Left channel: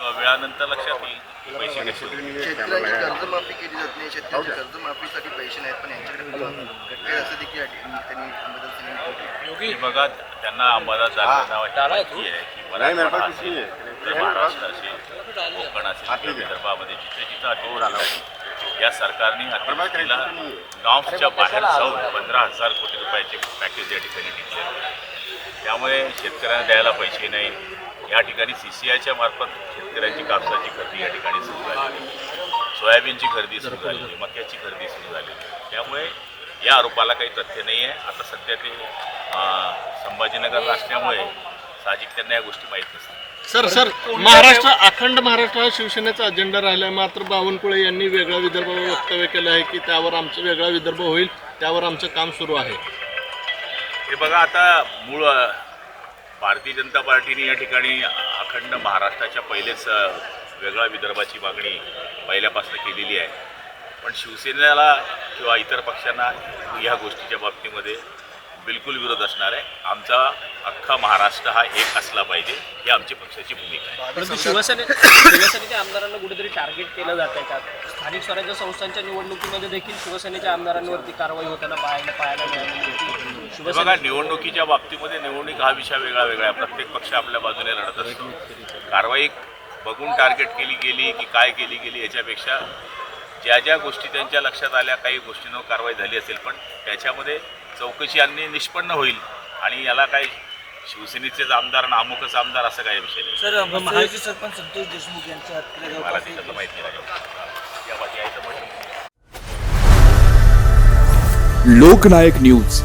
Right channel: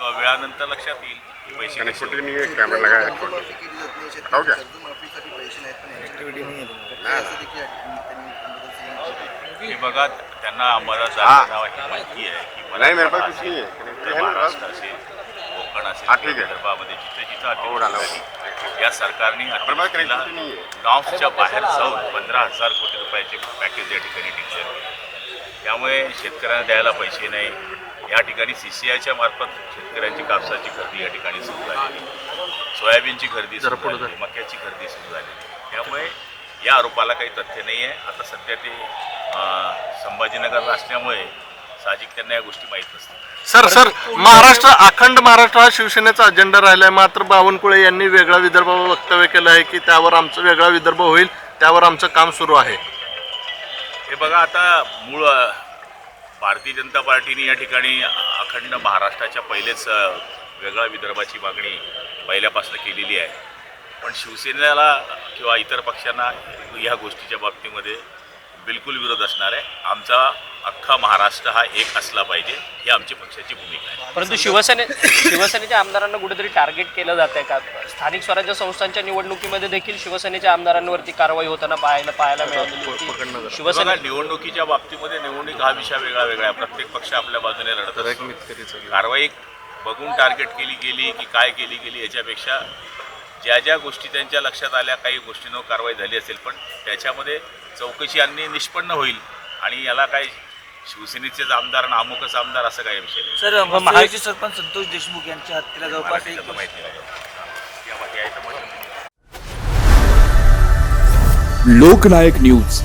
किंवा वेळानंतर लक्षात येईल की पैसे कसे होते. कर्जमाफी केली जात नाही. शेतकऱ्यांची कर्जमाफीसाठी पैसे नाहीत, पण यांच्याकडे असं देखील त्यांनी अंबादास सांगितलं. हे बघा, त्यांना अंबादास दानवे माहिती आहे की मराठवाडा असेल, उत्तर महाराष्ट्र असेल, कोकण असेल किंवा विदर्भामध्ये जिथे जिथं अतिवृष्टी झाली, या सरकारने अतिवृष्टीला नॉर्म्सच्या बाहेर जाऊन 15,000 कोटी रुपयाचे पॅकेज या ठिकाणी डिक्लेअर केले. त्यामुळे शेतकऱ्यांना द्यायला पैसे नाही. या ठिकाणी CCIच्या मार्फत शेतकऱ्यांची कापसाची खरेदी या ठिकाणी सुरू झालेली, सोयाबीनची खरेदी सुरू झालेली, मक्याची खरेदी सुरू झालेली. त्यामुळे या आरोपाला काही तथ्य नाही आहे. आता सध्या ते संभाजीनगरला असल्यामुळे साहजिक त्यांना या गोष्टी माहीत नसतात. सर महाराष्ट्र, अखंड महाराष्ट्र हा शिवसेनेचा अजेंडा राहिला आहे, मात्र बावनकुळे यांनी वेगळा विदर्भावर वक्तव्य केलं आहे की त्यावर आमचं वेगळा विदर्भ होईल, त्यावर आमचं काम सुरू आहे. हे बघा, आता मूळ भारतीय जनता पार्टीने या ठिकाणी अखंड महाराष्ट्राच्या पहिलेच वेगळ्या विदर्भाची मागणी पहिल्यापासून केलेली आहे. पण शिवसेनेला किंवा इतर पक्षांना ह्या गोष्टीच्या बाबतीमध्ये बिलकुल विरोध असणार आहे. आमचा अख्खा महाराष्ट्र हा एक असला पाहिजे, ही आमची पक्षाची भूमिका आहे. परंतु शिवसेनेच्या आमदारांना कुठेतरी टार्गेट केलं जात आहे का? स्थानिक स्वराज्य संस्थांच्या निवडणुकीमध्ये देखील शिवसेनेच्या आमदारांवरती कारवाई होताना पाहायला मिळाली होती. शिवसेना निवडणुकीच्या बाबतीमध्ये निवडणूक हा विषय वेगळा वेगळा आहे. प्रत्येक पक्ष आपल्या बाजूने लढत असतो. कारवाई बघून टार्गेट केली गेली की काय केली गेली याच्यापेक्षा ज्या ज्या गोष्टी त्यांच्या लक्षात आल्या, काही गोष्टींवर कारवाई झाली असेल, पण त्याच्यामध्ये चौकशी आणि निष्पन्न होईल. आणि याला काय शिवसेनेचेच आमदार आणि अमुकच आमदार असं काही विषय नाही. सर, महाराष्ट्र सरपंच संतोष देशमुख यांच्या हत्येला मला जवळपास त्याच्यातलं माहिती नाही. या बाकी आहे तर म्हटलं. लोकनायक न्यूज